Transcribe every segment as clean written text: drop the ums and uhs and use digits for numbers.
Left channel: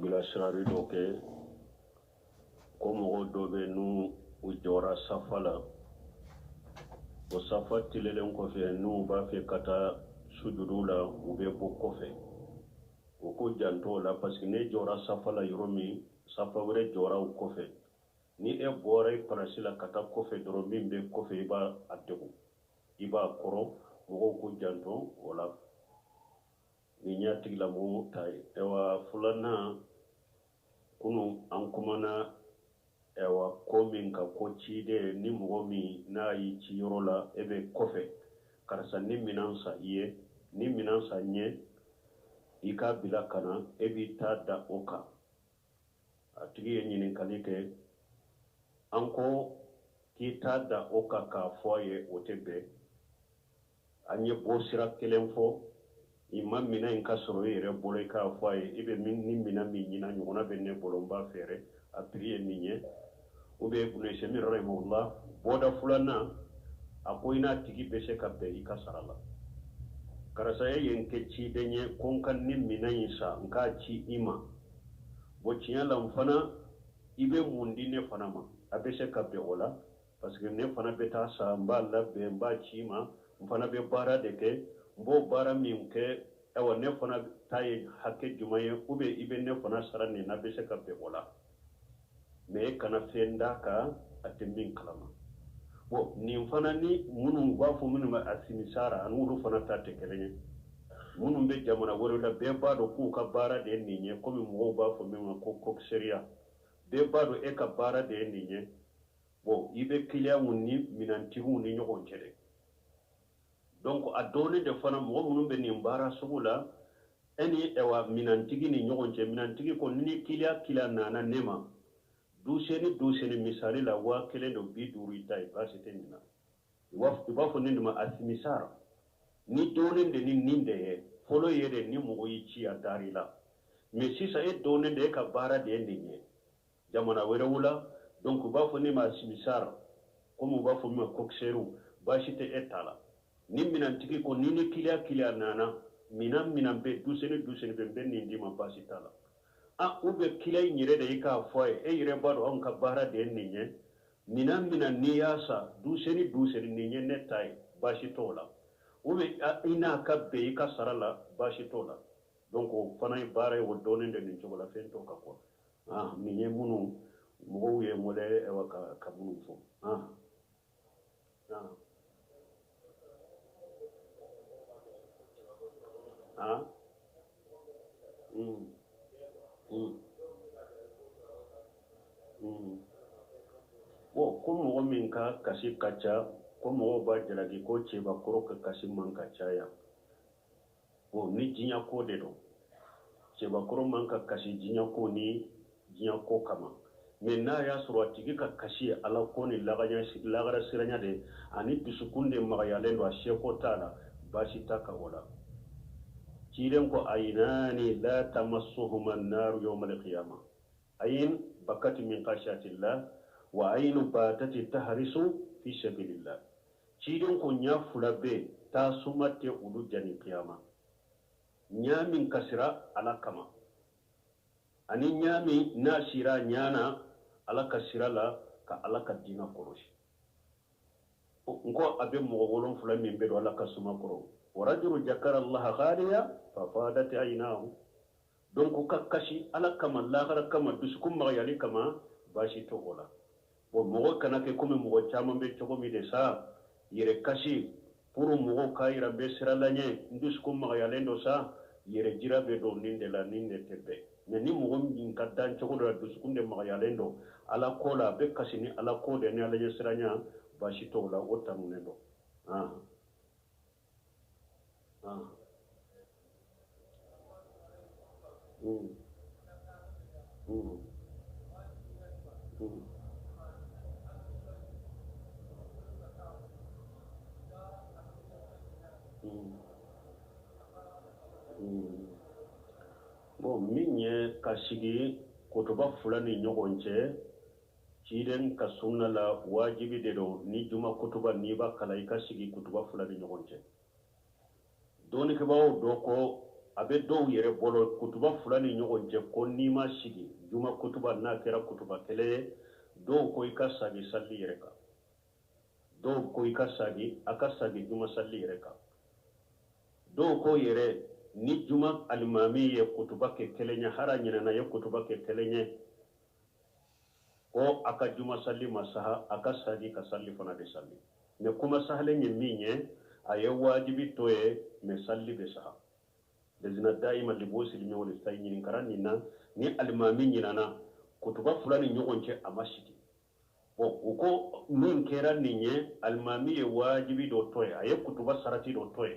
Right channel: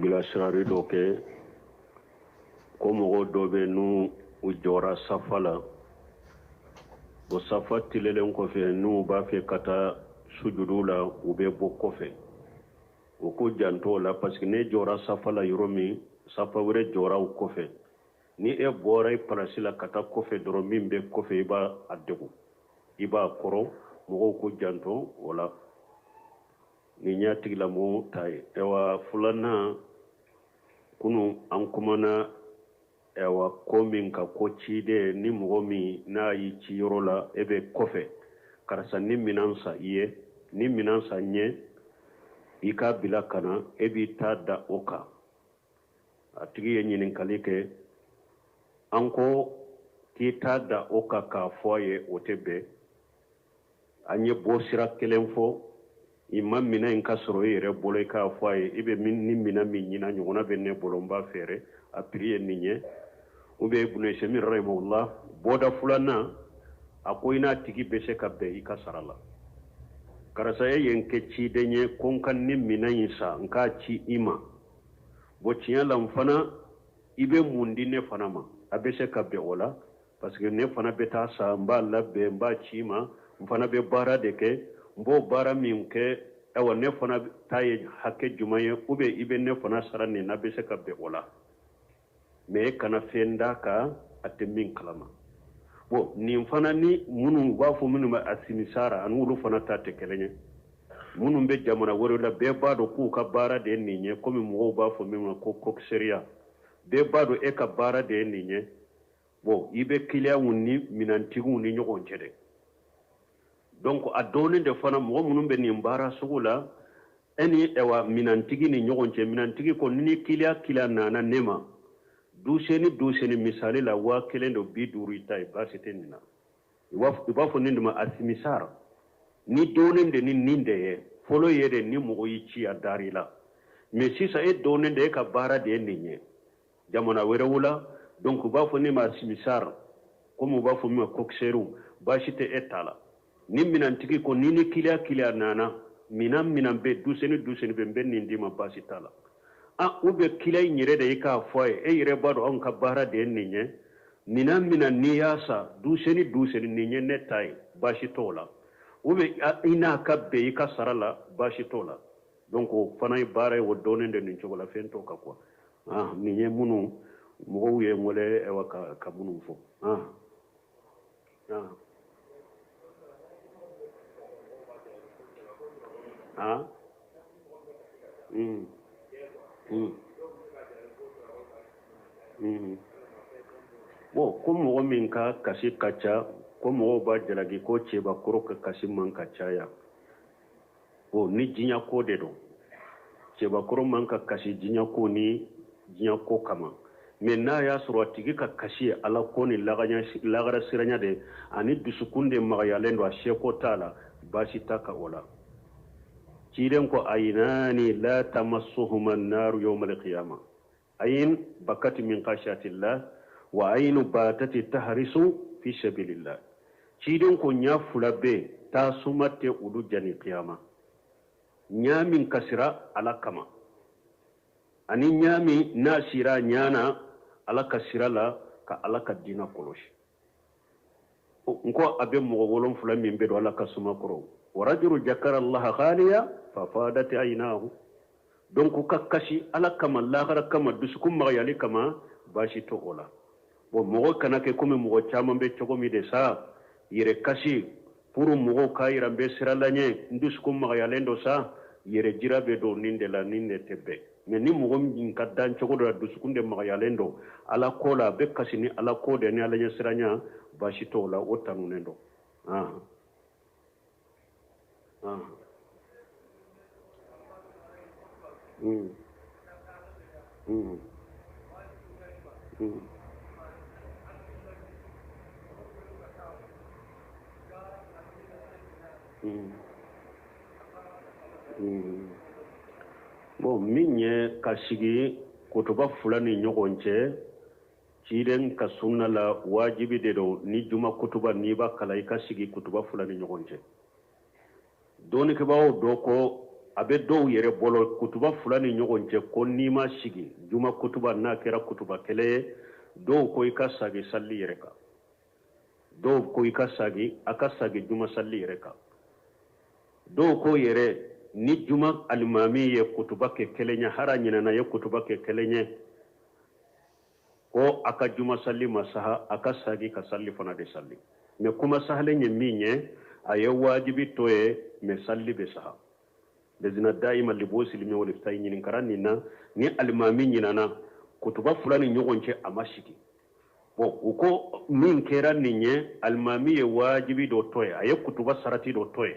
bilasirari dɔ kɛ ko mɔgɔ dɔ bɛ n'u u jɔra safa la o safa tilelen kɔfɛ n'u b'a fɛ ka taa sujudu la u bɛ bɔ kɔfɛ o ko janto la parce que ne jɔra safa la yɔrɔ min safa wɛrɛ jɔra o kɔfɛ ni e bɔra i palasi la ka taa kɔfɛ dɔrɔn min bɛ kɔfɛ i b'a degun i b'a kɔrɔ mɔgɔw ko janto o la ni ɲa tigilamɔgɔw ta ye ɛwa filanan kunu an kumana ɛwa ko min ka ko ciden ni mɔgɔ min n'a y'i ci yɔrɔ la e bɛ kɔfɛ karisa ni minan san i ye ni minan san ɲɛ i k'a bila ka na e b'i ta da o kan a tigi ye ɲininkali kɛ an ko k'i ta da o kan k'a fɔ a ye o tɛ bɛn an ye bɔ sira kelen fɔ i ma minɛ in ka sɔrɔ i yɛrɛ bolo i k'a fɔ a ye i bɛ ni minɛ min ɲina ɲɔgɔnna bɛ ne bolo n b'a fɛɛrɛ a piri ye nin ye ou bien Ibn Usaymin rahimahullah bɔda filanan a ko i n'a tigi bɛ se ka bɛn i ka sara la karisa ye yen kɛ ciden ye ko n ka ni minɛ in san n k'a ci i ma bon tiɲɛ la n fana i bɛ mun di ne fana ma a bɛ se ka bɛn o la parce que ne fana bɛ taa san n b'a labɛn n b'a ci i ma n fana bɛ baara de kɛ n b'o baara min kɛ awa ne fana ta ye hakɛ jumɛn ye ou bien i bɛ ne fana sara nin na bɛ se ka bɛn o la mais e kana fɛn d'a kan a tɛ min kalama bon nin fana ni minnu b'a fɔ minnu bɛ a sinisara ani olu fana ta tɛ kelen ye minnu bɛ jamana wɛrɛ la bɛɛ b'a dɔn k'u ka baara de ye nin ye komi mɔgɔw b'a fɔ min ma ko coxeria bɛɛ b'a dɔn e ka baara de ye nin ye bon i bɛ kiliyanw ni minantigiw ni ɲɔgɔn cɛ dɛ donc a dɔɔnin de fana mɔgɔ minnu bɛ nin baara sugu la e ni minantigi ni ɲɔgɔn cɛ minantigi ko ni kiliyan nana ne ma duseni misali la 1,50 i ta ye baasi tɛ nin na i b'a fɔ nin de ma asimisara ni dɔɔnin de ni nin de ye fɔlɔ ye de ni mɔgɔ y'i ci a dari la mais sisan e dɔɔnin de e ka baara de ye nin ye jamana wɛrɛw la donc u b'a fɔ ne ma asimisara comme u b'a fɔ min ma coxeru baasi tɛ e ta la ni minantigi ko ni kiliyan nana minan bɛ duseni bɛ n bɛ nin d'i ma baasi t'a la ou bien kiliyan yɛrɛ de i k'a fɔ a ye e yɛrɛ b'a dɔn anw ka baara de ye nin ye minan n'i y'a san duseni nin ye ne ta ye baasi t'o la ou bien i n'a ka bɛn i ka sara la baasi t'o la donc o fana ye baara ye o dɔɔnin de nin cogo la fɛn t'o kan quoi nin ye minnu mɔgɔw ye n wele ka minnu fɔ bon ko mɔgɔ min ka kasi ka ca ko mɔgɔw b'a jalaki ko cɛbakɔrɔ ka kasi man ka caya bon ni diɲɛ ko de don cɛbakɔrɔ man ka kasi diɲɛ ko ni diɲɛ ko kama mais n'a y'a sɔrɔ a tigi ka kasi ye ala ko ni lagara siranya de ani dusukun de magayalen don a seko t'a la baasi t'a ka o la ciden ko aynani la tamassuhuma an-nar yawm al-qiyamah ayn bakati min khashiyatillah wa aynu batati tahrisu fi sabilillah ciden ko nya fula be ta sumate udu jani qiyama nya min kasira ala kama ani nya min nasira nyana ala kasira la ka ala ka dina koloshi nko abe mo wolon fula min be do ala ka suma koro ورجل ذكر الله خاليا ففادت عيناه donc ka kasi ala kama lahara kama dusukun magayali kama baasi to o la bon mɔgɔ kana kɛ komi mɔgɔ caman bɛ cogo min de sa yɛrɛ kasi pour mɔgɔw ka yira n bɛ sira la ɲɛ n dusukun magayalen do sa yɛrɛ jira bɛ don nin de la nin de tɛ bɛn mais ni mɔgɔ min ka dan cogo dɔ la dusukun de magayalen do ala ko la a bɛ kasi ni ala ko de ni ala ɲɛ siranya baasi to o la o tanunen do bon min ye ka sigi kotoba fula ni ɲɔgɔn cɛ ciden ka sunna la wajibi de don ni juma kutuba n'i b'a kala i ka sigi kutuba fula ni ɲɔgɔn cɛ dɔɔnikɛbagaw dɔ ko abe dow yere bolo kutuba fulani ɲɔgɔn cɛ ko n'i ma sigi juma kutuba n'a kɛra kutuba kɛlɛ ye dow ko i ka sagi salli yɛrɛ kan dow ko i ka sagi a ka sagi juma salli yɛrɛ kan dow ko yɛrɛ ni juma alimami ye kutuba kɛ kelen ye hara ɲinana ye kutuba kɛ kelen ye ko a ka juma salli ma saha a ka sagi ka salli fana de salli mais kuma sahalen ye min ye a ye wajibi to ye mais salli be saha lezina daima libo silimi wala fitay ɲinin karan nin na ni alimami ɲinana kutuba fula ni ɲɔgɔn cɛ a ma sigi bon u ko min kɛra nin ye alimami ye wajibi dɔ to ye a ye kutuba sarati dɔ to ye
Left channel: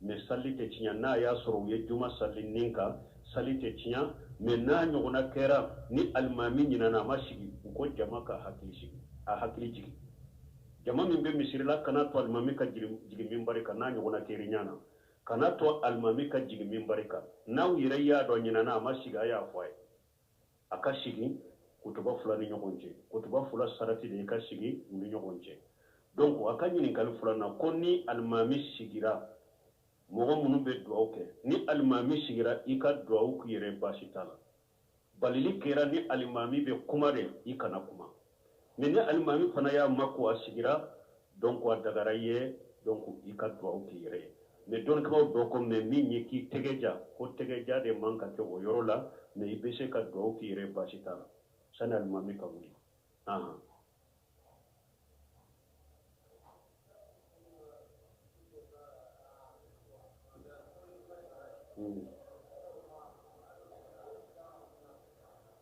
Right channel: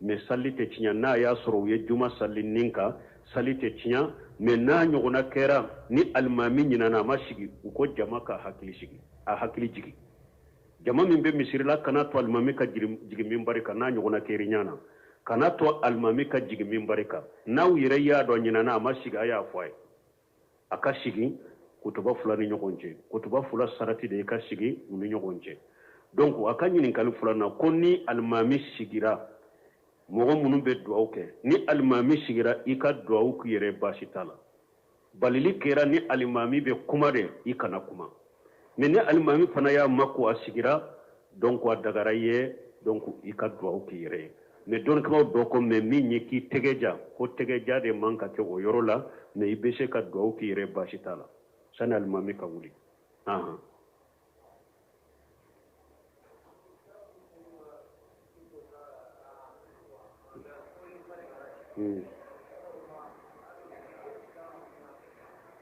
mais salli tɛ tiɲɛ n'a y'a sɔrɔ u ye juma salli nin kan salli tɛ tiɲɛ mais n'a ɲɔgɔnna kɛra ni alimami ɲinana a ma sigi u ko jama ka hakili sigi a hakili jigi jama min bɛ misirila kana to alimami ka jigin minbari kan n'a ɲɔgɔnna kɛri ɲana kana to alimami ka jigin minbari kan n'aw yɛrɛ y'a dɔn ɲinana a ma sigi a y'a fɔ a ye a ka sigi kutuba fula ni ɲɔgɔn cɛ kutuba fula sarati de i ka sigi u ni ɲɔgɔn cɛ donc a ka ɲininkali filanan ko ni alimami sigira mɔgɔ minnu bɛ duwawu kɛ ni alimami sigira i ka duwawu k'i yɛrɛ baasi t'a la balili kɛra ni alimami bɛ kuma de i kana kuma mais ni alimami fana y'a mako a sigira donc a dagara i ye donc i ka duwawu k'i yɛrɛ ye mais dɔnnikaw dɔ ko mais min ye k'i tɛgɛ ja ko tɛgɛ ja de man ka kɛ o yɔrɔ la mais i bɛ se ka duwawu k'i yɛrɛ baasi t'a la sani alimami ka wuli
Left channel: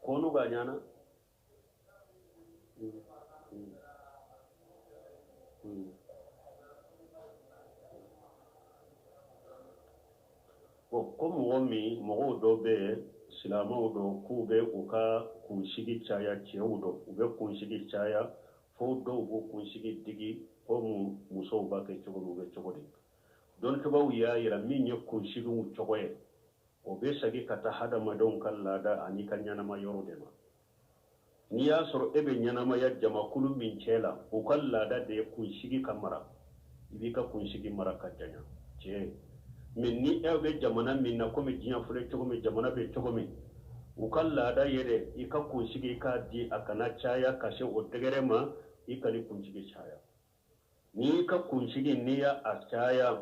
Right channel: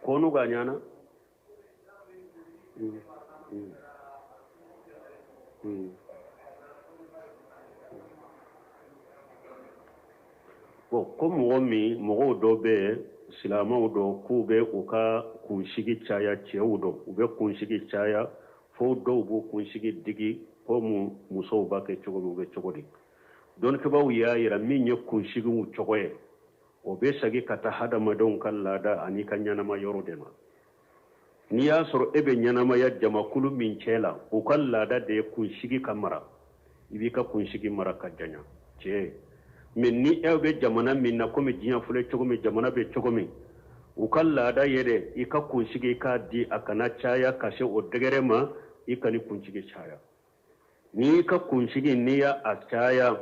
konu ga ɲana bon ko mɔgɔw dɔ bɛ silamɛw dɔ k'u bɛ u ka kunsigi caya cɛw dɔ u bɛ kunsigi caya fo dɔw b'u kunsigi digi ko musow b'a kɛ cogo min u bɛ cogo di dɔnnikɛbaw y'a yira min ye kunsigiw cogo ye o bɛ segi ka taa hadamadenw ka laada ani ka ɲɛnama yɔrɔ de ma n'i y'a sɔrɔ e bɛ ɲɛnamaya jamakulu min cɛ la o ka laada de ye kunsigi ka mara i b'i ka kunsigi mara ka janya tiɲɛ mais ni e bɛ jamana min na komi diɲɛ filɛ cogo min jamana bɛ cogo min u ka laada ye dɛ i ka kunsigi i k'a di a kana caya ka se o dɛgɛrɛ ma i ka ni kunsigi caya n'i ka kunsigi n'i y'a caya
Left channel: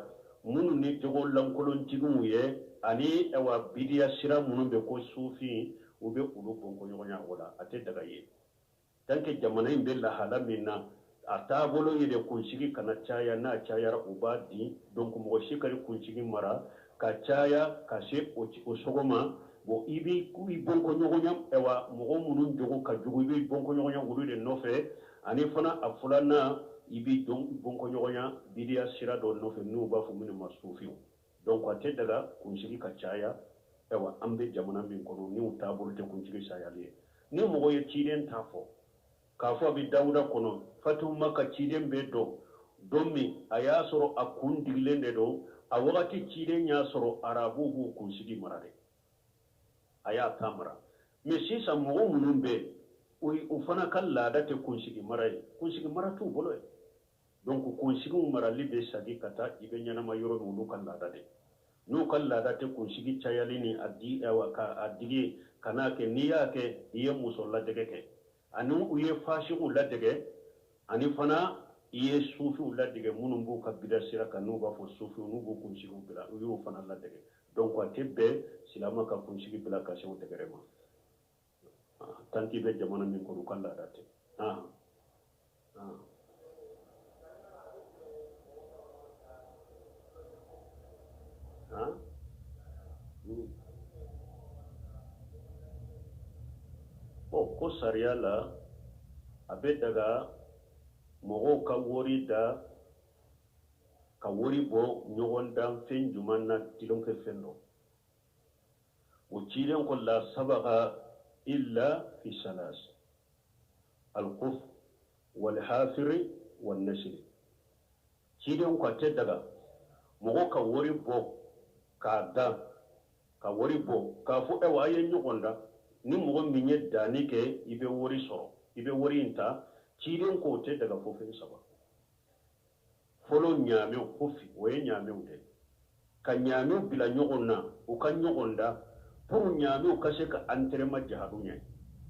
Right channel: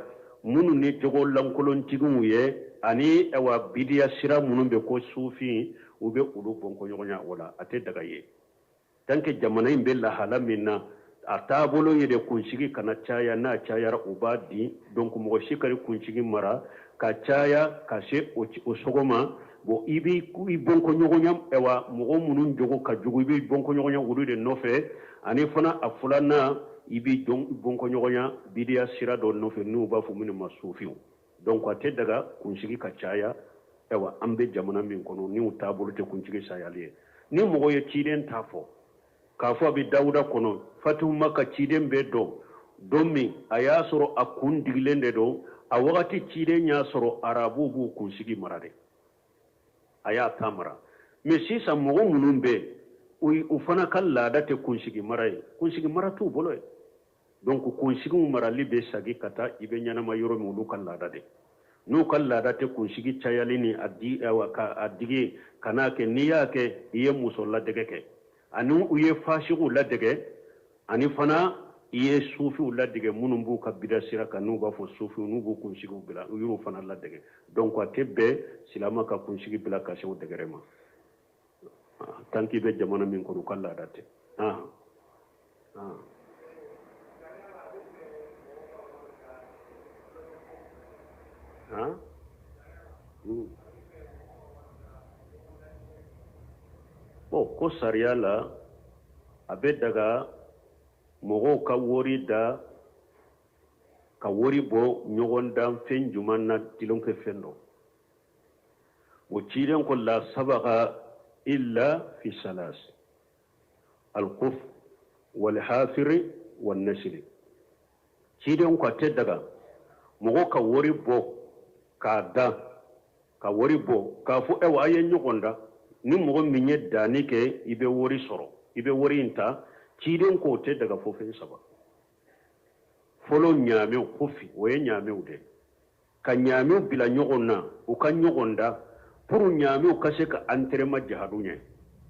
minnu ni jogo lankolontigiw ye ani bidiya sira minnu bɛ ko sufi u bɛ olu bɔnkɔɲɔgɔnya o la a tɛ daga ye tant que jamana in bɛ lahala min na a taabolo ye de kunsigi kana caya n'a cayara u b'a di donc mɔgɔ si ka kunsigi mara ka caya ka se o sogo ma bon i bɔnkɔɲɔgɔnya mɔgɔ minnu jogo ka jugu i bɛ bɔnkɔɲɔgɔnya olu de nɔfɛ ani fana a filanan i bɛ bɔnkɔɲɔgɔnya bidiya sira dɔ nɔfɛ n'u b'a fɔ minnu ma sufiw donc a tɛ daga kunsigi ka caya an bɛ jamana min kɔnɔ ni u taabolo tɛ kunsigi sayali ye ni mɔgɔ ye ciden t'a fɔ k'a fɔ a bɛ dawuda kɔnɔ fatuma ka ciden bɛ dɔn don min a y'a sɔrɔ a kun digilen de don a wagati ciden y'a sɔrɔ arabuw b'u kunsigi mara de a y'a ta mara mais sisan mɔgɔ minnu bɛ u fana ka laada tɛ kunsigi mara ye kunsigi mara t'u bolo ye donc kunsigiw marali bɛ sagi ka taa i bɛ ɲɛnama yɔrɔ min olu ka laada de n'u ka laada tɛ kunsigi cayali ni a digi ka n'a kɛ n'i y'a kɛ i ye muso ladege kɛ ani u ye fasigiw ladege ani fana i ye sufiw ladege minnu b'u ka bida sira kan n'u b'a fɔ sufiw n'u b'u kunsigiw bila u y'u fana ladege donc a tɛ bɛn silamɛ ka kunsigi bila ka se o dɛgɛrɛ ma tant qu'il bɛ jamana min kɔnɔ u ka laada tɛ bon ko sariya la a bɛ daga mɔgɔw ka wari da ka wari bɔ ɲɔgɔn dan fɛn juman na tilon kɛ fɛn dɔ o cilen ko la sabaga illa fi salas al-quf wal hafir wal nashr cilen ko tɛ daga mɔgɔ ka wari bɔ k'a dan ka wari bɔ k'a fɔ a ye ɲɔgɔn da ni mɔgɔ min ye danni kɛ i bɛ wari sɔrɔ i bɛ wari in ta ciden ko tɛ daga fɔ fɛn saba fɔlɔ ɲaamɛw kofi o ye ɲaamɛw de ka ñaamiw bila ɲɔgɔn na u ka ɲɔgɔn da pour ñaamiw ka se ka entraînement jahadu ɲɛ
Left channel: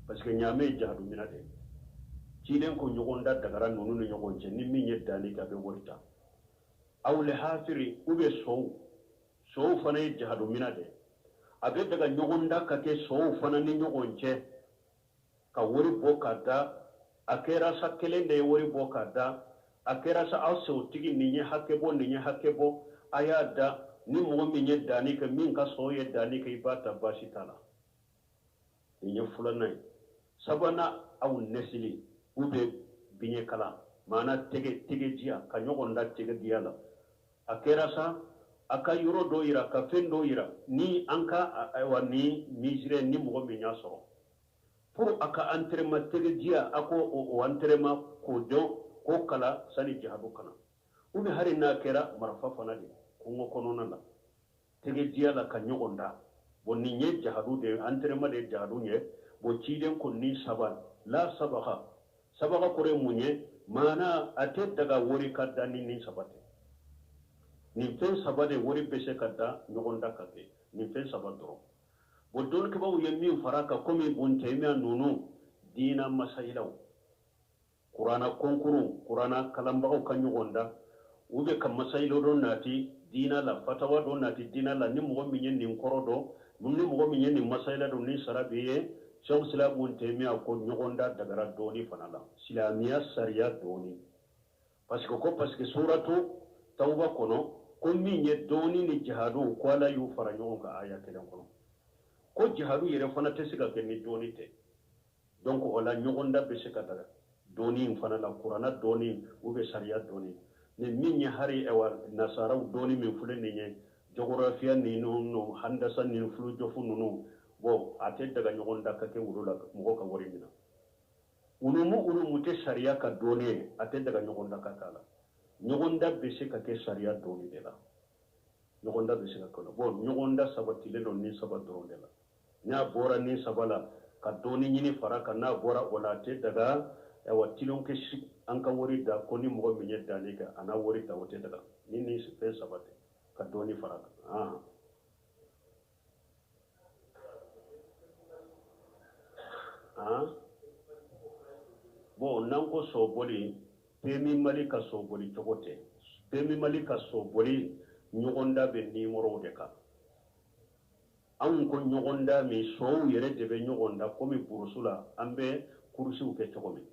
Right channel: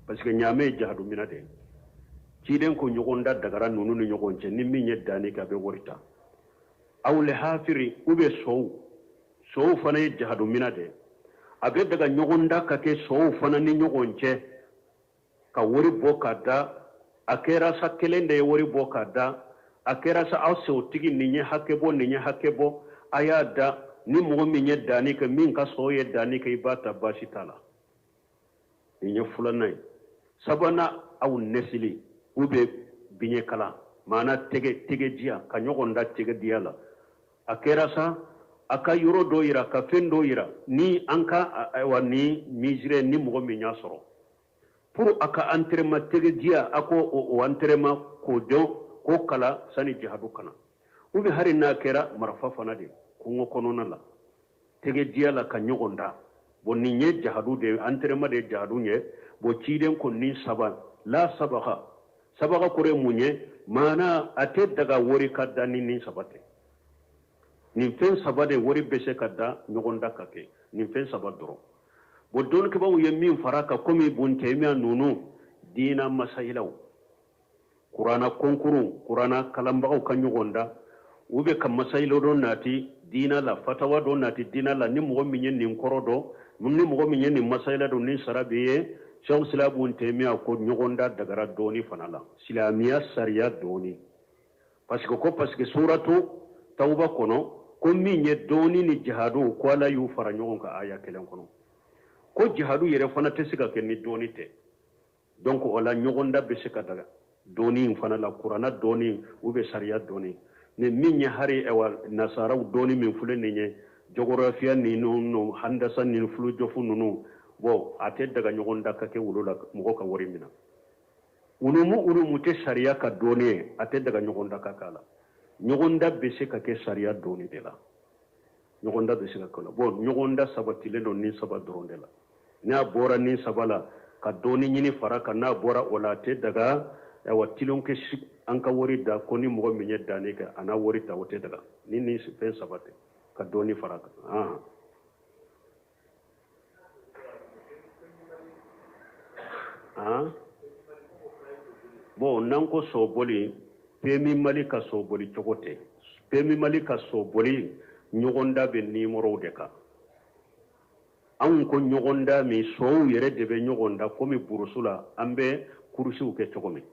parce que ñaame ye jahadu mina de ciden ko ɲɔgɔn da dagara nunu ni ɲɔgɔn cɛ ni min ye danni kɛ a bɛ wari ta aw le hafiri ou bien sow fana ye jahadu mina de a bɛ daga ɲɔgɔn da ka kɛ sow fana ni ɲɔgɔn cɛ ka wari bɔ ka da a kɛra sa kelen de ye wari bɔ ka da a kɛra sa aw sewtigi nin ye hakɛ bɔ nin ye hakɛ bɔ a y'a da ni mɔgɔ min ye danni kɛ min ka sow ye danni kɛ i b'a ta baasi t'a la nin ye filanan ye sabanan aw nɛsili ou bien biɲɛ kala maana tɛgɛjiya ka ɲɔgɔn da tɛgɛdiya la a kɛra sa a ka yɔrɔ dɔ yira ka fɛn dɔ yira ni an ka ayiwa ni misirɛ ni mɔgɔ min y'a sɔrɔ pour a ka entraînement tɛgɛjiya a ko o entraînement k'o dɔn k'o kala sani jihadu kana ou bien hali n'a kɛra marifa fana de kungo kɔnɔna la tɛgɛjiya la ka ɲɔgɔn da bon nin ye jihadu de entraînement de ye jihadu ye bon ciden ko ni saba la sabaga sabaga kore mun ye maana a tɛ daga wari ka da ni nin saba tɛ nin fɛn saba de wari bɛ se ka da ɲɔgɔn da ka kɛ nin fɛn saba dɔrɔn bon dɔnnikɛbaw ye min fara kan komi buntɛmiya ninnu diina masayilaw kuranna konkuru kuranna kalanbagaw ka ɲɔgɔn da u bɛ ka masayilaw dɔ nati diina la fatawa dɔ nati diina la ni mɔgɔ min ye nin kɔrɔ dɔn ni mɔgɔ min ye nin masayila dɔn ni sara bɛ ye Sheikh Islam buntɛmiya ko ɲɔgɔn da dagara dɔɔni fana la silamɛya sariya dɔɔni parce que suratu tawba kɔnɔ ko min ye dɔɔni ni jihadu ko ala y'u fara ɲɔgɔn kan aya kelen kɔnɔ ko jihadu yɛrɛ fana tɛ se ka kɛ ni dɔɔni tɛ donc o la ɲɔgɔn da bɛ se ka daga dɔɔni in fana la kuranna dɔɔni ou bien sariya dɔɔni ni min ye hari nasaraw dɔɔni min filɛ nin ye jɔgɔrafiya ninnu handasa ninnu fulujɔfu ninnu bon a tɛ daga ɲɔgɔn da ka kɛ wolo la mɔgɔ ka wari minna unumu tɛ sariya ka dɔɔni ye a tɛ daga ɲɔgɔn da ka k'a la ɲɔgɔn da bɛ se ka kɛ sariya dɔɔni de la ɲɔgɔn da bɛ se ka kɛ la bon ɲɔgɔn da sabatilen don ni saba dɔrɔn de la n'a bɔra ni saba la ka dɔɔni ɲini fara kan n'a bɔra o la a tɛ daga tilon kɛ an ka wari da ko ni mɔgɔ min ye danni kɛ a n'a wari ta o tɛ daga ni fɛn saba tɛ ka dɔɔni fara kan bon n'an ko sɔbɔli PMI Mali ka sɔbɔli cogo tɛ PMI Mali ka sɔbɔli ɲɔgɔn da bɛ nimɔrɔw de kan anw ko ɲɔgɔn da min sɔw yɛrɛ de bɛ ɲɔgɔn da komi burusu la an bɛ kurusiw kɛ cogo min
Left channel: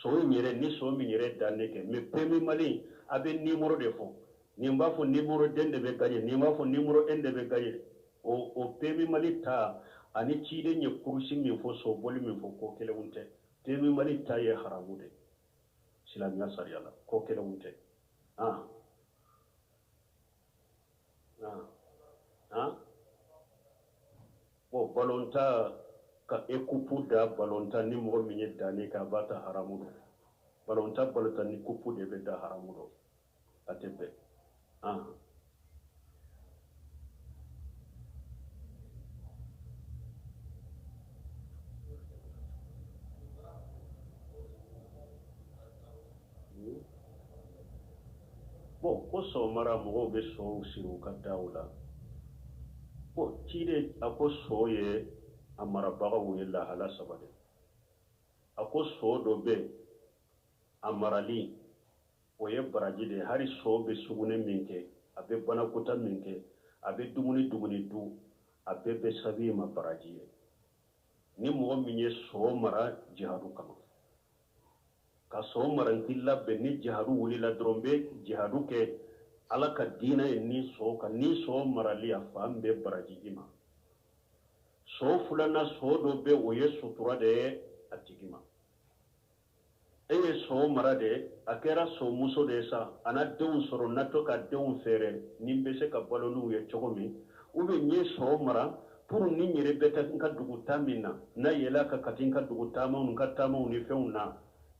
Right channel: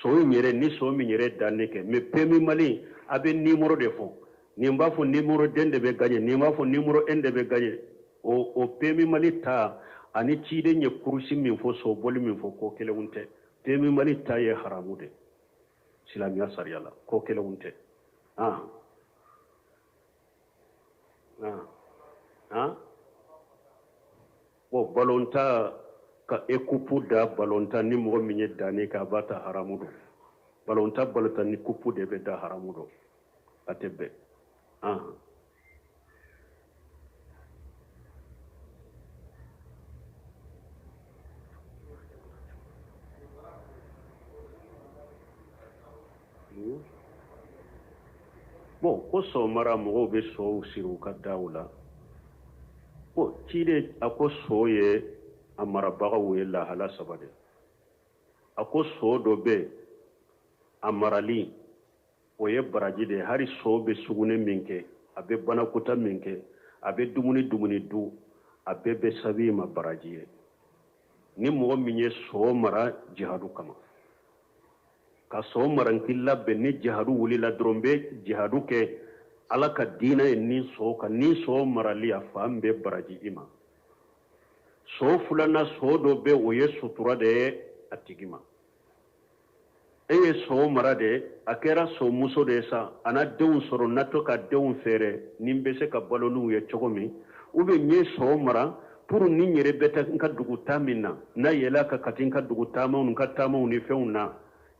sɔw yɛrɛ ni sɔw min yɛrɛ danne kɛ mais PMI Mali a bɛ nimɔrɔ de fɔ nin b'a fɔ nimɔrɔ den de bɛ gagner nin b'a fɔ nimɔrɔ n de bɛ gagner o PMI Mali ta ani ciden ye kurusi min fɔ sɔbɔli min fɔ ko kelenw tɛ PMI Mali ta ye haramu de silamɛya sariya la ko kelenw tɛ bon balonta ka ekupu da balonta ni mɔgɔ min ye danni kɛ a b'a ta haramu don balonta balonta ni kupu de bɛ da haramu don a tɛ bɛn bon ko sɔgɔmara mɔgɔw bɛ sɔw siri u ka daw la bon ciden a ko sɔ ye a marabagaw ye lahala saba de a ko sɔ dɔ bɛ a marali o ye baraji de ye hali sɔ bɛ sugunɛ min kɛ a bɛ banakota min kɛ a bɛ dumuni du a bɛɛ bɛ sabi ma baraji ye ni mɔgɔ min ye sɔ mara jihadu kama ka sɔn maranki labɛn ni jihadu wulila dɔrɔn bɛ jihadu kɛ ala ka diinɛ ye ni sɔn kan ni sɔn marali a fan bɛ baraji i ma sɔn filanan sɔn dɔ bɛ o ye sutura de ye a tigi ma e ye sɔn mara de a kɛra sɔn muso de ye sa a na denw sɔrɔ na to ka denw fɛɛrɛ ni bɛ se ka balo n'u ye cogo min u bɛ n ye sɔn mara pour ni n yɛrɛ bɛ taa n ka dugu taa min na n'a yɛlɛ ka kati n ka dugu taamaw n ka taamaw ni fɛnw na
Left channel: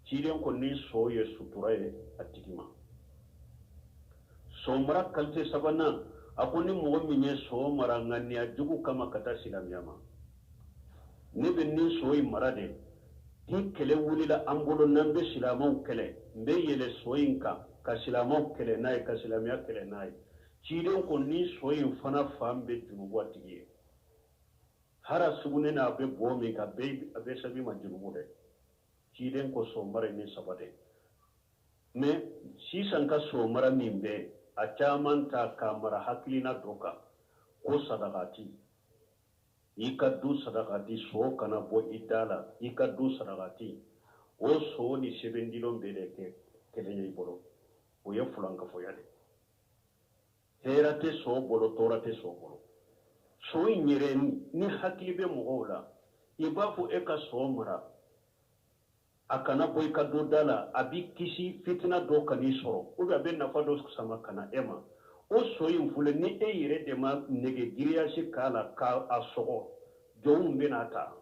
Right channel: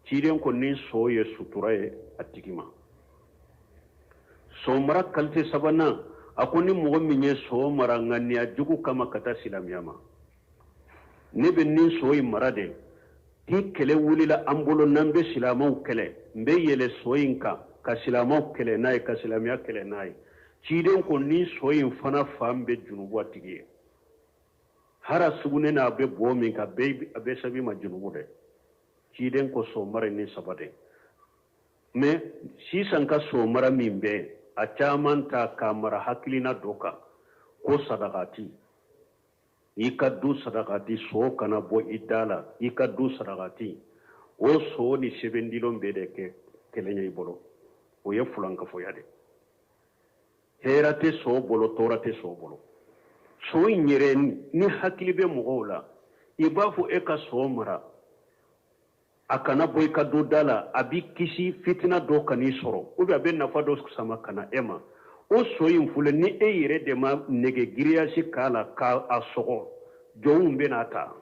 ciden ko ni sɔn ye sutura ye a tigi ma sɔn mara kalite sabanan a ko ni mɔgɔ min ye sɔn mara ŋaniya jugu kama ka taa silamɛya ma ne bɛ nin sɔn in mara de ni kɛlɛ wulila an bolo n'an bɛ silamɛw kɛlɛ n bɛ yɛlɛ sɔn in kan ka silamɛw kɛlɛ n'a ye ka silamɛya kɛlɛ n'a ye ciden ko ni soyin fana fan be junubu a tigi ye hara sugune na be bo min ka a be sabi ma junubu de ciden ko so mara ni sabate mais sisan ka so mara min be a caman ta ka mara hakilina doka ko sadakati i ka du sadakati so kana bo i dala i ka du sadakati o so ni sebendilon be de ke kelenya i bolo o ye fulankafoya de hera te so bolo tora te so bolo so in yɛrɛ ni hakili bɛ mɔgɔw la i b'a fɔ e ka so mara a kana bɔ i ka do da la a bi kisi fitina dɔ kan'i sɔrɔ ou bien a bɛ nafa dɔ sama kana e ma o so in filɛ ni e yɛrɛ de ma nege giriyasi k'a la k'a sɔgɔ jɔnw bɛ n'a ta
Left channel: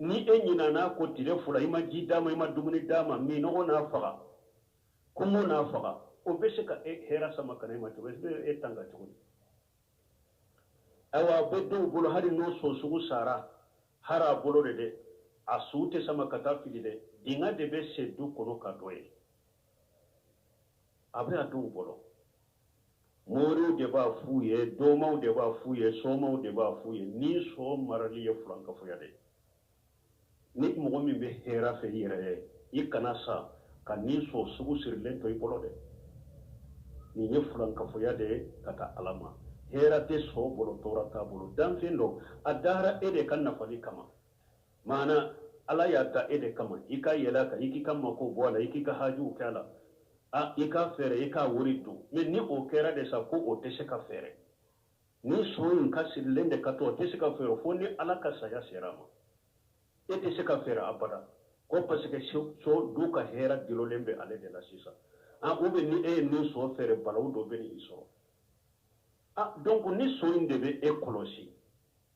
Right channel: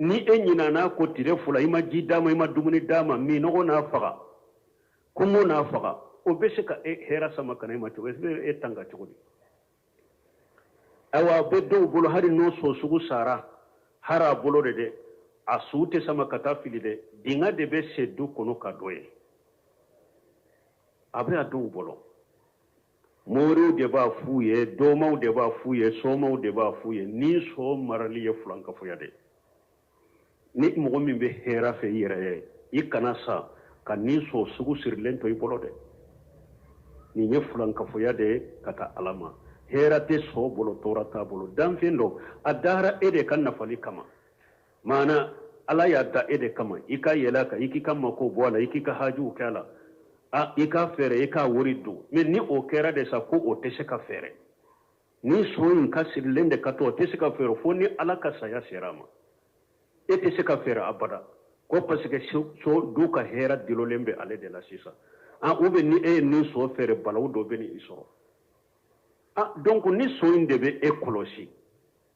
ni e ɲinana ko tile fila i ma ji d'a ma i ma dumuni d'a ma minɔgɔ n'a faga kɔngɔ n'a faga o bɛ se ka e hɛrɛ sama kana e ma cogo e tanga cogo di awa bɛ dɔw bolo hali n'o so sugu sara hari a bolo de dɛ a su tɛ sama ka taa fili dɛ dinga de bɛ se du kɔnɔ ka dɔ ye a bɛ a dɔw bolo moriw de b'a f'u ye dɔmaw de b'a f'u ye sɔmaw de b'a f'u ye ni so marali ye fulankafoya de ni mɔgɔ min bɛ hɛrɛ fɛ i yɛrɛ ye i kana sa ka ni so sugu sirilen to i bolo dɛ nin ye fulankafoya de ye ka taa ala ma hɛrɛ tɛ so bolo tɔɔrɔ t'a bolo danfɛn dɔ a dara e de ka nafali kama maana ala y'a da e de kama i ka yɛlɛ a kan i k'i ka mako bɔ a la i k'i ka hajiw kɛ a la i ka fɛɛrɛ i k'a wari don mɛ ni o kɛra de sa ko o tɛ se ka fɛɛrɛ ni so in ka sirilen de ka to o tɛ se ka fɛɛrɛ fo ni ala ka saya sera a ma e tɛ se ka fɛɛrɛ abada ko parce que so du ka hɛrɛ dilolen bɛ ale de la sisan ou bien ni e ye nin so fɛɛrɛ balawu dɔ bɛ ni i sɔrɔ donc ni so in de bɛ e kɔlɔsi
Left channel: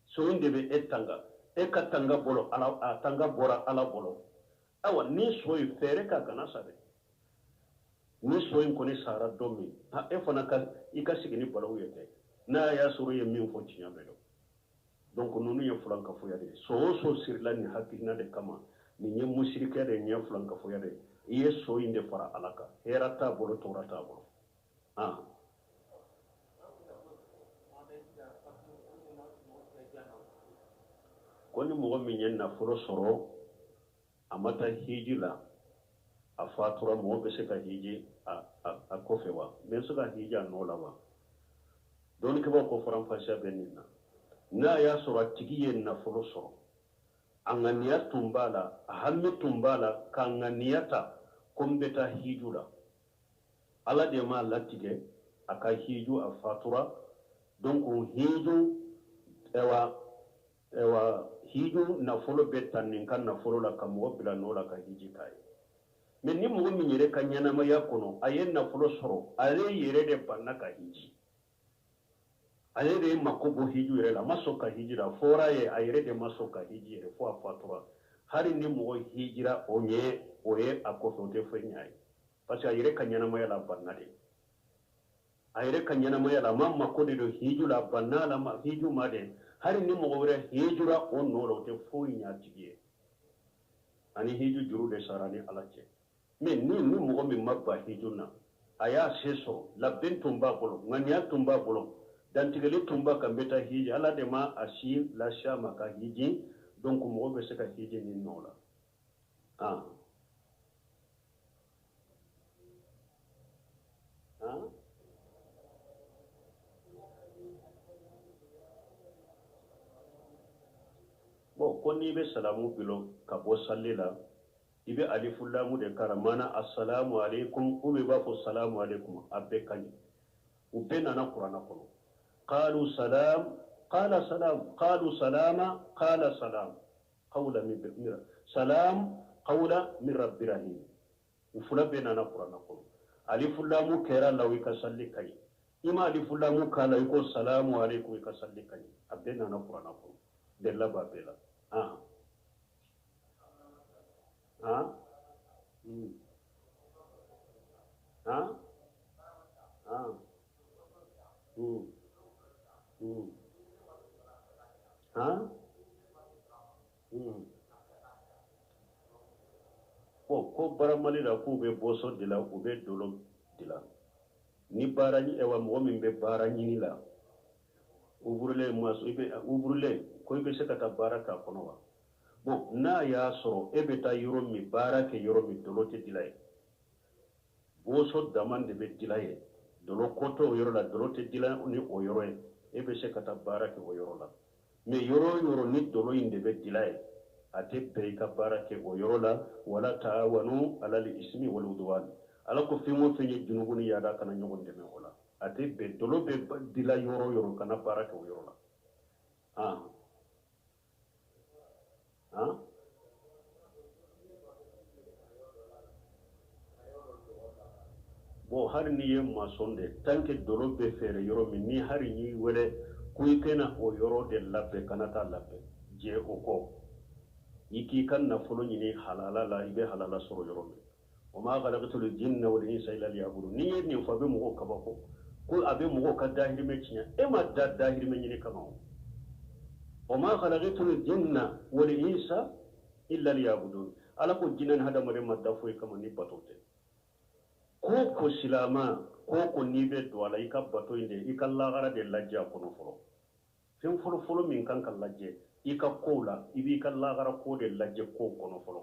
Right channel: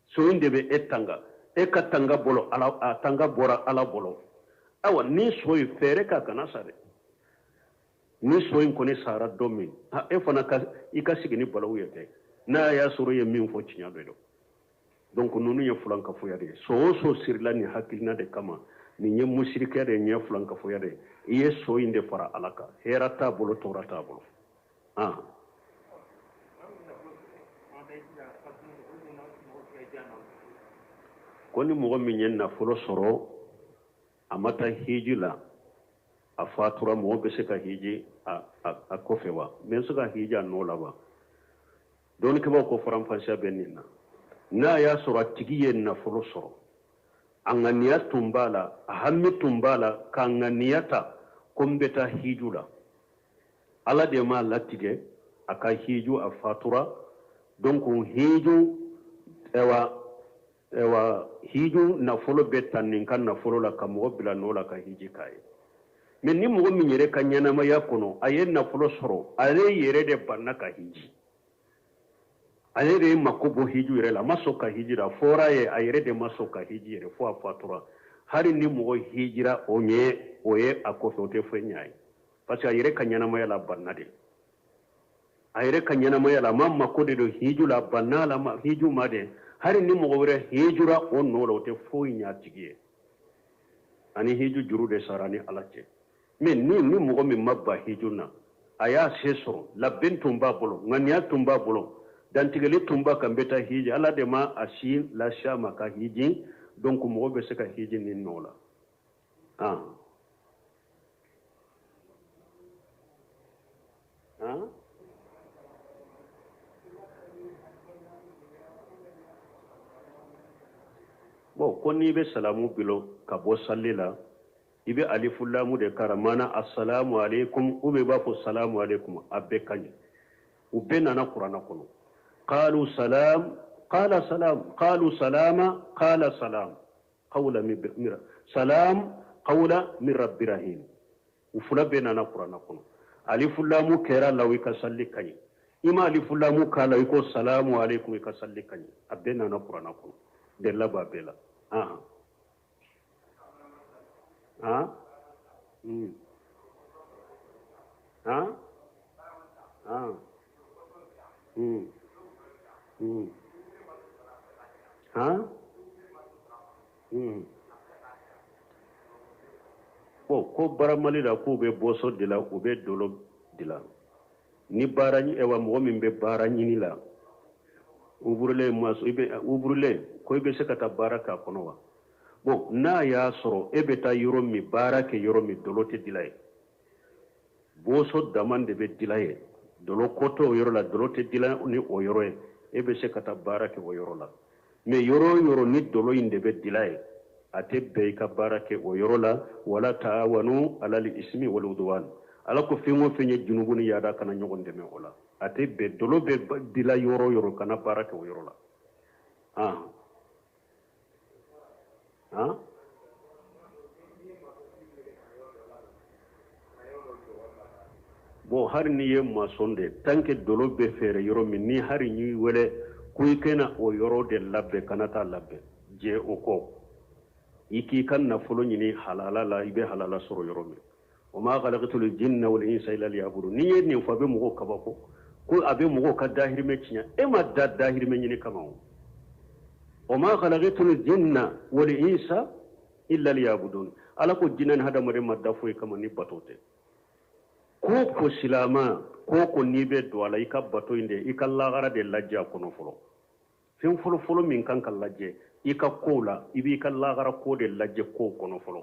so in de bɛ e tanga e ka tanga bolo a tanga bɔra ala bolo awa ni so in fɛɛrɛ ka kana sa dɛ ni so in kɔni sara don min e fana i ka sigi ni balawu ye tɛ n'a y'a sɔrɔ i ye min fɔ tiɲɛ dɔ ye donc ninnu ye fulankafoya de ye so o so sirila nin hakilina de kama nin ye musirikɛ de ye nin ye fulankafoya de ye i ye so in de fara ala kan hɛrɛ t'a bolo tɔɔrɔ t'a bolo ko ni mɔgɔ min ye nafolo sɔrɔ a ma taa hiji la a fatura mɔgɔ bɛ se ka hiji a kɔfɛ wa mɛ se ka hiji a nɔ la wa dɔɔnikɛbaw ko faranfasiya bɛ nin na n'a y'a sɔrɔ a tigi ye nafolo sɔrɔ a ŋaniya tun b'a la a hami tun b'a la k'a ŋaniya ta ko n bɛ taa hiju la ala de m'a latigɛ a ka hiju a fatura donc hiju hiju nafolo bɛ ta nin ka nafolo la ka mɔgɔ bila n'o la ka hiji k'a ye mɛ ni mɔgɔ min yɛrɛ ka ɲɛnamaya kɔnɔ a ye nafolo sɔrɔ ale yɛrɛ de banna ka hiji ale de ye mako bɔ hiju yɛrɛ la a ma sɔn ka hiji la fɔra ye a yɛrɛ de ma sɔn ka hiji yɛrɛ fo a fatura hali ni mɔgɔ hijira o ye a kɔfɛ o tɛ fɛn ɲa ye parce que a yɛrɛ ka ɲɛnamaya la banna de a yɛrɛ ka ɲɛnamaya la a ma mako de don hiju la banna la hiju ma de hali ni mɔgɔ wɛrɛ hijira o nɔ la o tɛ foyi ɲa tigi ye ani hiju juru de sara ni ala cɛ mɛ ni mɔgɔ min ma ba hiju na a y'a se sɔrɔ labɛn tun b'a bolo ŋaniya tun b'a bolo dantigɛli tun b'a kan bɛ taa hiji ala de ma a si lasiya ma ka hiji donc mɔgɔ bɛ se ka hiji nin nɔ la bon ko n'i bɛ salamu bilo ka bɔ salli la i bɛ alifu lamu de kara mana assalamu alaikum ou bien i b'a fɔ salamu alaikum a bɛɛ ka ɲi u bɛɛ nana kuranɛ kɔnɔ قالوا سلام قال سلام قالوا سلاما قال سلام قولا من سلام قولا من رب رحيم وفلا بيننا قرآن كون ألف لام كرا لو يكسل كني إما ألف لام كلا يكو سلام عليكم يكسل كني أبيننا قرآن كون دلا بابلا ko baramali la k'u bɛ bɔsɔ de la u bɛ dolo de la ni barani ewa mo min be barani ni la uburle maso ibe uburle ko ibe sekata baraka kono wa bo na ya soro ebe ta yoro mi barake yoro mi dolote dilay bo so damande be dilay dolo koto yoro la dolote dilay ni o yoro ebe sekata barake o yoro la me yoro ni dolo inde be dilay ate be ka barake o yoro la wala taawanu alal ismi wal udwan ala ko fengo fenye junubuni yada kana nyogonde me ola ate be dolo be dila yoro kana barake o yoro la bo har ni ye masonde tanke dolo be fere yoro min ni har ni wele kuy kena o yoro de labbe kanata labbe je o ko iki kan na fulo ni halala la ibe halala soro yoro min o ma khalaqatul jinna wal insa illa liya'budun ni ye ni fa be mo kabako ko abe mo ka dahir me cinya e ma dahir me ni kama o ma khalaqatul jinna wal insa illa liya'budun ala ko jinan hada mare madda fo kama ni batote ko silama ko ni be do ala ika bato inde ika lagara de lajja kono folo fen folo min kan kan lajje ika kola ibi ka lagara ko de lajje ko kono folo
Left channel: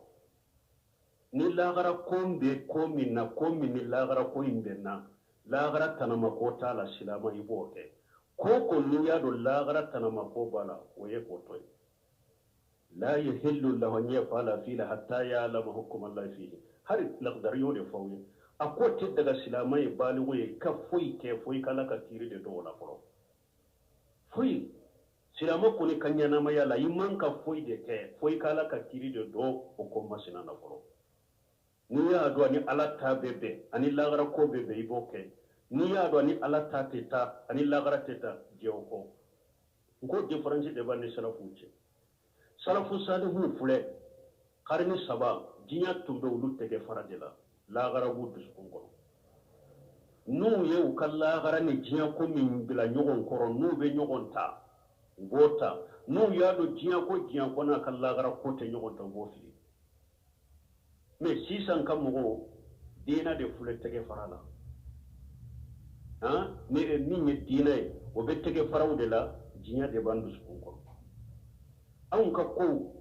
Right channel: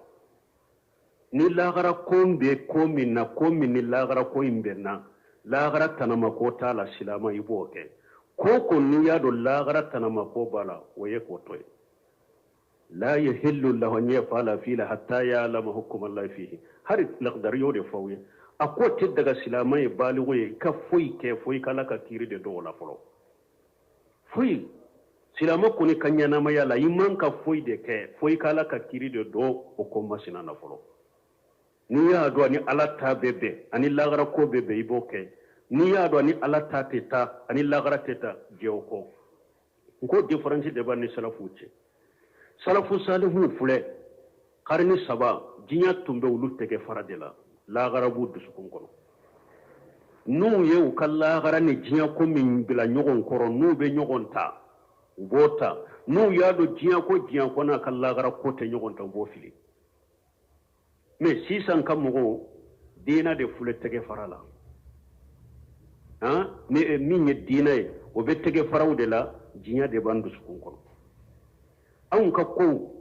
ni lagara ko be ko min na ko min ni lagara ko imbe na lagara tanama ko tala silama ibo ke ko ni ya do lagara tanama ko bala waye ko toy la yahillu lahu an yafala fila hatta ya'lama hukm Allah fihi har laqdar yode fawiye ako te daga silamai baligo ye ka foyi ke foyi kala ka kiri de do la folo foyi silama ko ni kanyana maya la iman ka foyi de ke foyi kala ka kiri de do o ko masina na folo ni ya do ni ala ta bebe ani lagara ko bebe iboke ni ya do ni ala ta teta ani lagara teta jewko ko difference de ban ni salafu ce salafu salihu fule karni saba jinya tumbe ulu tege faradela lagara bu dusukun kono nu ye u ka lagara ni jinya ko min bila nyogon koro nu be nyogon ta bota nu ya do jinya ko na ka lagara ko te nyogon ta bo fili me sisan kam mo dina de fule tege farala ne min ye dina e o be tege faraw de la jinya de ban dusukun kono an ka ko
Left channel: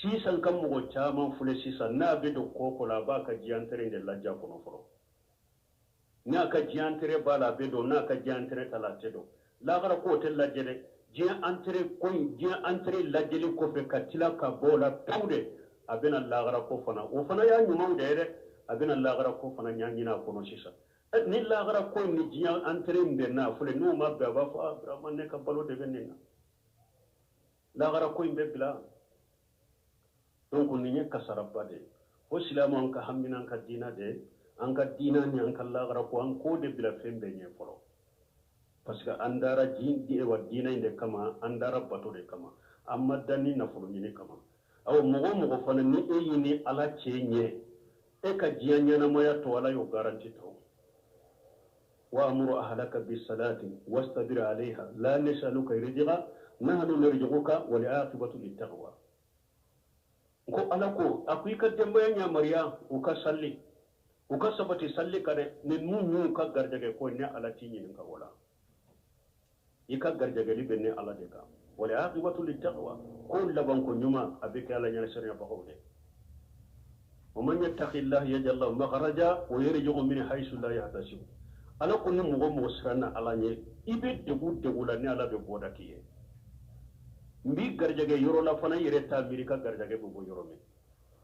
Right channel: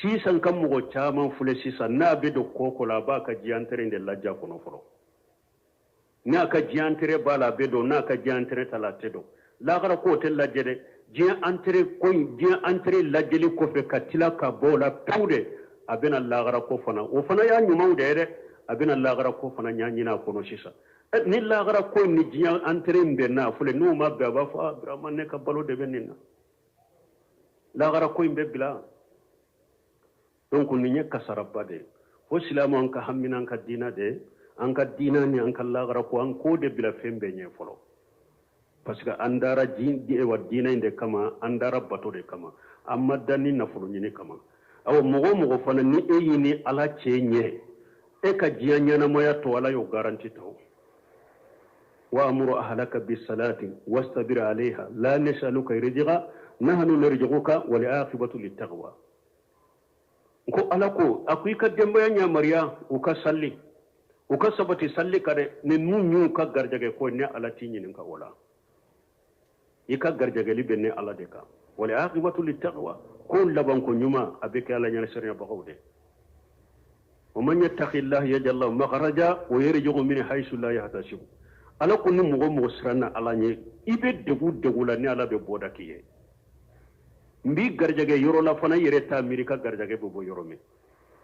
sisan kan mo chaman fule sisan na be do koko la ba ka jiantere de lajja kono foro na ka jiantere bala be do na ka jiantere talate do la gara ko tel lajje de jian antere lajjeli ko fe katila ka bola pawde abena la gara ko fana o fana ya nyuma de de abena la gara ko fana nyanyina kono sisa ni la gara ko ni jian antere mbe na fule no ma be ba fa brahman ne ka balo de benina la gara ko mbe bila donc ni nya kasarabba de ko silamu an ka hammina an ka dina de an ka dina ni an ka lagara ko an ko de bila fembe nye folo parce que andara di wa dina inde kama andara bato de kama amma dani na fulu ni kama aw mogo fana ni e yini ala chenye e ka jiya nyana moya to wala yo garanti to wa amuru ahlaka bis salati wastabir alaiha la nasaluka rizqa nahnu narzuquka wal aqibatu lit taqwa ko alako akuy ka demba nya mariya o ka salli o ka sabati salli kare ne nunyu ka garjage ko ne ala tinyi ka wala ika garjage li benne ala de ka wala aqibatu lit taqwa ko laban ko nyuma abika ala nya sariya bagawde o man yattaqillah yaj'al lahu makhraja wa yarzuqhu min haythu la yahtasib alako ni mugo sirana ala nye ibe degu la ni ala be boda kiye mbi garjage yoro la fana yere ta amerika garjage bo yoro mi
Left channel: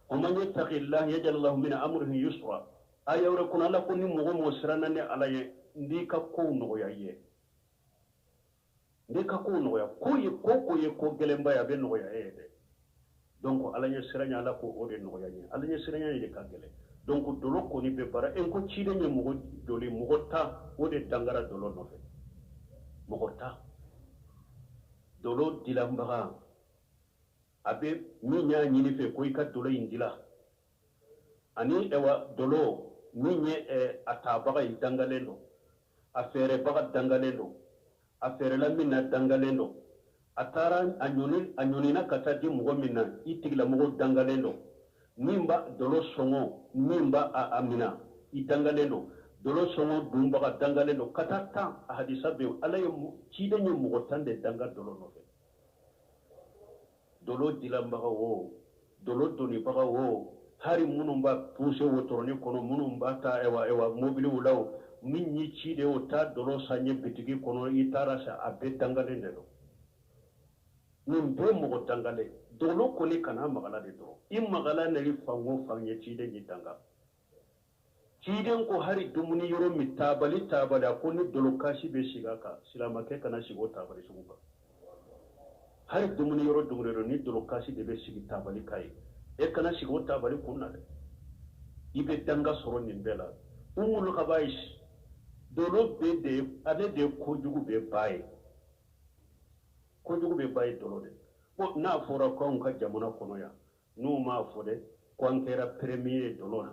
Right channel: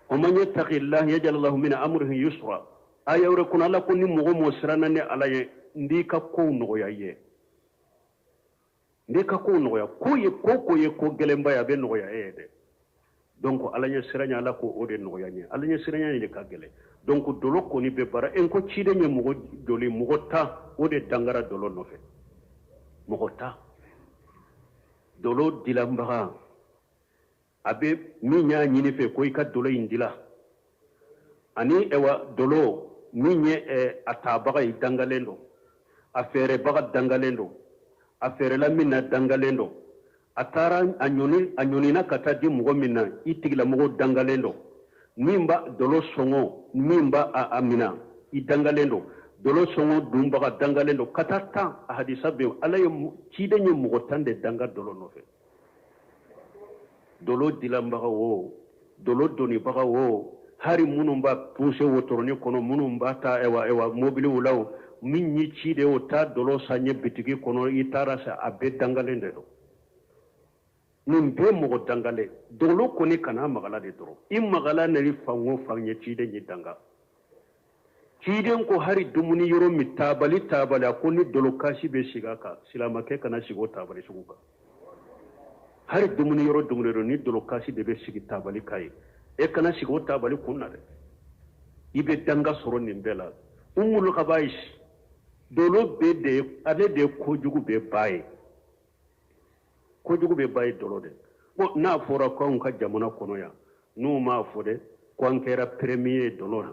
o man yattaqillah yaj'al lahu min amrihi yusra ayawre kun ala kun ni mo sirana ne ala ye ndi ka ko no ye ndi ka ko no ya ko ye ko gelemba ya be no ya de donc ala nya siranya ala ko o de no ya nye ala nya siranya ni ka gele donc dolo ko ni be bara en ko cide nye mo doli mo ta o de dangara dolo no fe mo ta dolo dilambaga abe minya nyini fe ko ika dolo indila ani ewa dolo minye atabaga idangalendo afere baga dangalendo afere la minna dangalendo atara anyoni na kata di mugo minna itigila mugo dangalendo mimba dolo songo mimba amina idangalendo dolo songo dumbaga dangale do katata hadisa be ala ye cide nye mugotande danga dolo no fe dolo dilambaga wo dolo doni baga wo hari munumba puse wotoroni kono munumba ta ewa mobile ulaw min ni cide o ta dolo sanye bitigi kono itara sa abe dangale ndo nin be mogo dangale dolo koni kana magala de doro magala nari fango fanye cide ni danga ciden ko hari dumuni yoro mi tabali ko ni dolo kashi be shiga ka silama ke kana shigo tabali shugo ka hari dumuni yoro ni dolo kashi de be shigi tabali kai e kana shigo tabali kunna de ibe danga soro nimbela umul khabaish dolo be de ade de kojugu be baye dolo de ko na fora ko ka jamana kono ya no ma fode ko ankera premier dolo na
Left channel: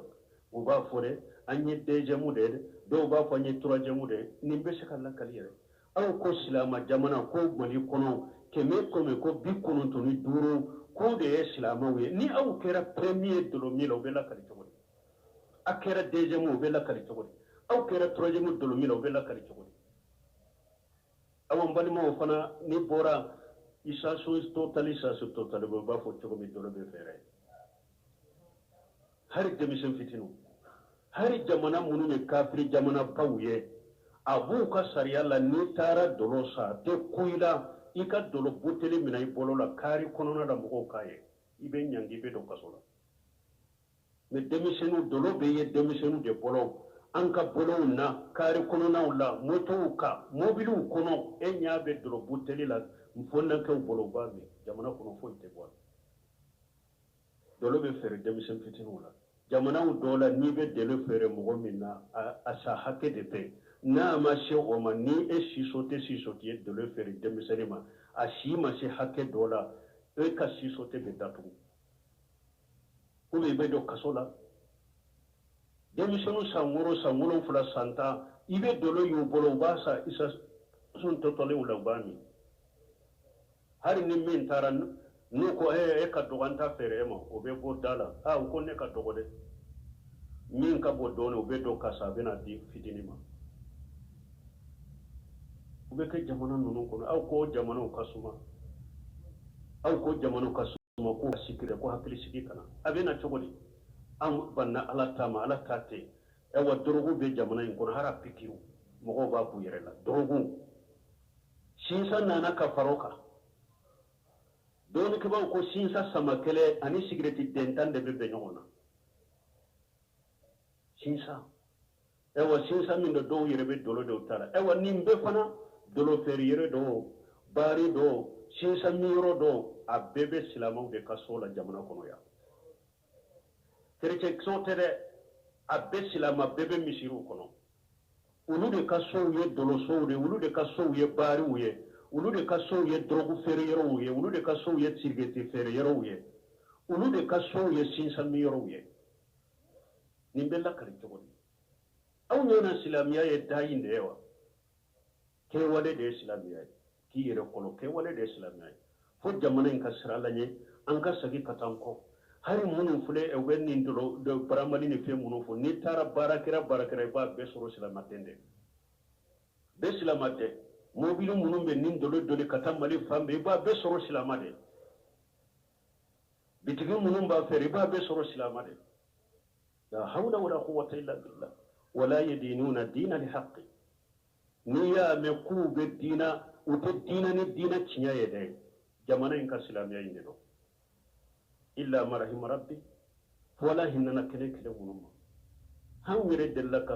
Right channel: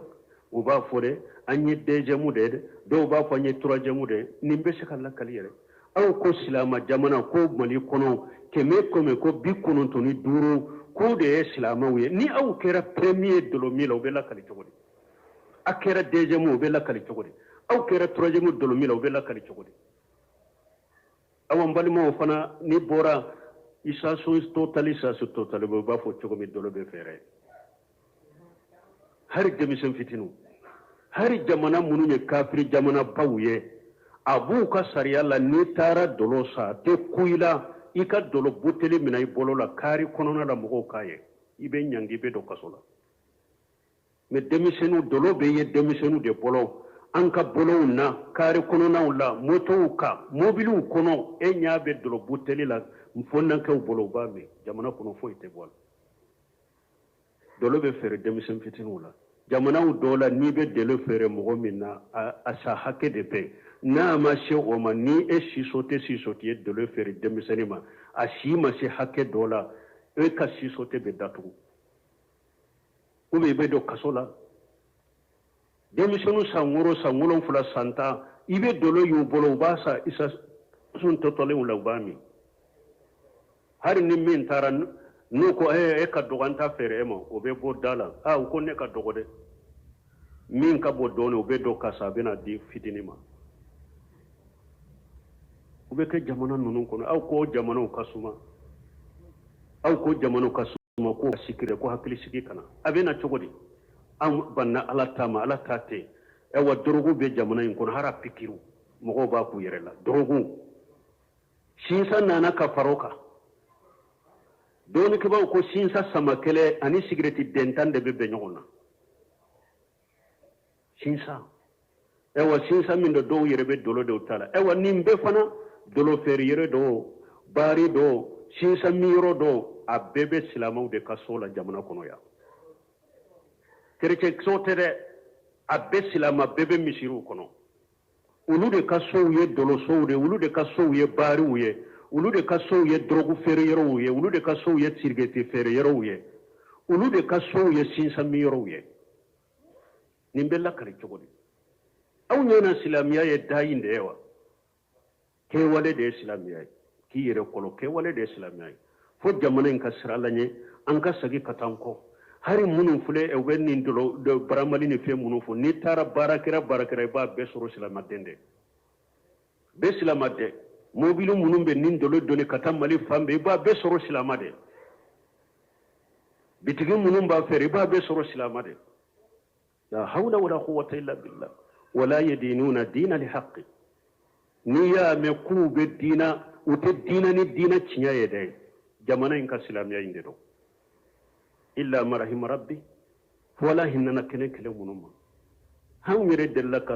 o ba fode anye deuxième de do ba fa anye troisième de nimbe shakalla kaliyere aw ko silama jamana ko mali kono keme ko bi kono to ni duro ko de silama wi ni aw kera premier dolo milo be la kali jogodi akera deuxième be la kali jogodi aw kera troisième dolo milo be la kali jogodi awon balimo fana ni bora isa so totally ba fo jogomi dolo be fere har demisen fitinu hari jamana munu ye kafiri jamana bawye abu ka sariya la ni tara dolo sa te kuila ika dolo buteli mina i bolo la kari konona la mogo kaye ibe nyangi be do kasola me demisenu dolo be ye demisenu de bolo anka bolo na kari konona la moto ka mobilu kono e nyabe dolo buteli la mfonna ka bolo babe jamana kono fo ite bol dolo be fere demisen fitinu la jamana dola ni be delo fere mogo minna asa hake de be na ma she o ma ni e sisote delo fere demiseni ma ashi ma she hake dola e ka sisote be datu ube be do kasola demisenu sanguro fula santa ibe dolo yu bolo basa isa sun totole ula bami hari ni min taran nuko e ka doganta fere mo o be bo dala ko ne ka dogode min ka bo done o be do kasa bena di fitinima o be ke jamana nunun kono ko jamana kasuma ko sikire ko hakili sigi kana abena chogodi an banna ala tate e wa dorogu be jamana in kono hara pikiru mogo ba ku yerela dorogu shinsa nana ka faroka doni ke ba ko shinsa samakele ani sigreti dentan de be nyona shinsa ewa shinsa min do yerebe dolo de utala ewa nimbe fana dolo feri yere do bari do shinsa miro do abebe silamaw de kasola jamana kono ya kerece sotere abbe silama bebe misiru kono ulu de kaso ye dolo so de ulu de kaso ye bari uye ulu de kaso ye drogu feri yero uye ulu de kaso ye sirgeti feri yero uye ulu de kaso ye shinsa miro uye nimbella kare chogodi aw nyona silamiya ye dayinde ewa ke wale de silamiya ki yere kolo ke wale de silamiya fo jamana en kasralanye an ka sagi katanko hari munun fule e wenni dolo do baramali ni fe munun fo ni tara barakira ba be soro silamadende be silamade mobilu munun be nin dolo doni katamali fambe ba be soro silamade bitigi munun ba fere ba be soro silamade لا حول ولا قوة إلا بالله ولا يدينون دين الحق نيا مكوب الدين وتدين الدين تشنيا يدي جمانا إنك سلام يا إندو إلا ما رحم ربي ولا هننا كنك لونما هم يرد لك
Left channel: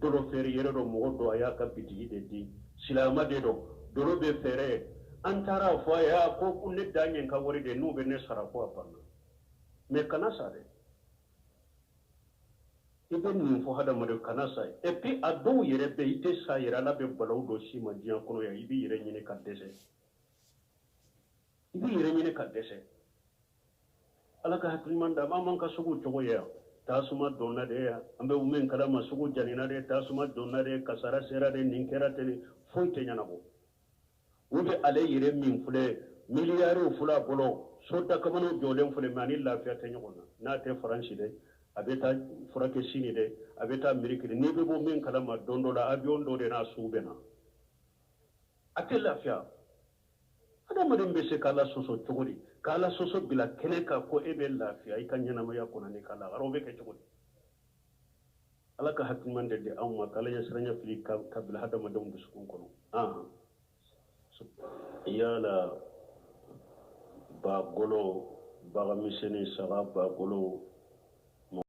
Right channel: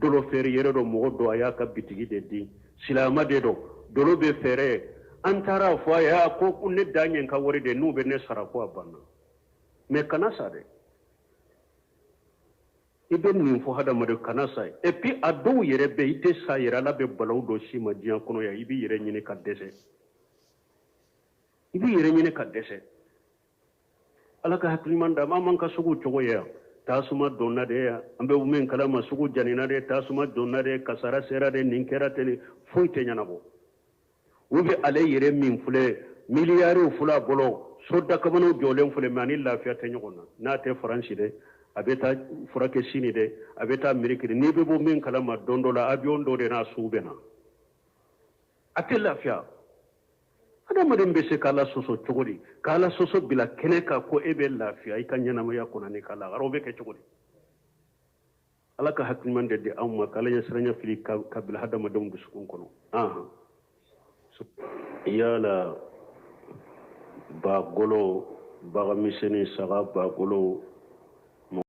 دولو فيري يرو مودو أياك بتجي دي سلام ديدو دولو بفيري أنترا فايا كو كن داني إنك ورد نو بنسرا فوا بنا مكنا ساري iben min fo hada madu kanasa et puis ado yere be ite sa yera la be balaw do shima dian kono ya ibi yere nyine ka dese ala ka haklimanda man ka sugu chogo ya tasuma donna de ya ambe umen kala ma sugu janina de tasuma donna de kasara sera de ninkera tele foite nyana bo ubi ale yere min fule miliyaro fula bolo sodda kamano jolen fule mani lafiya te nyona na te faransi de a bɛ taa furakɛ sini dɛ a bɛ taa Ameriki de n'i bɛ bɔ min kalama don dɔ la avion dɔ de n'a sugu bɛ na a tɛ lafiya adamaden bɛ se k'Ala sɔsɔ cogo di k'Ala sɔsɔ bila kɛnɛ kan ko e bɛ lafiya i ka ɲɛnamaya kɔnɔ ni k'Ala o bɛ kɛ cogo di Ala ka hakilimani de di anw ma k'Ala ɲɛ siranya fili ka bila hadamadenw dusukun kɔnɔ yala ba golo bagan misɛnnin saga ba golo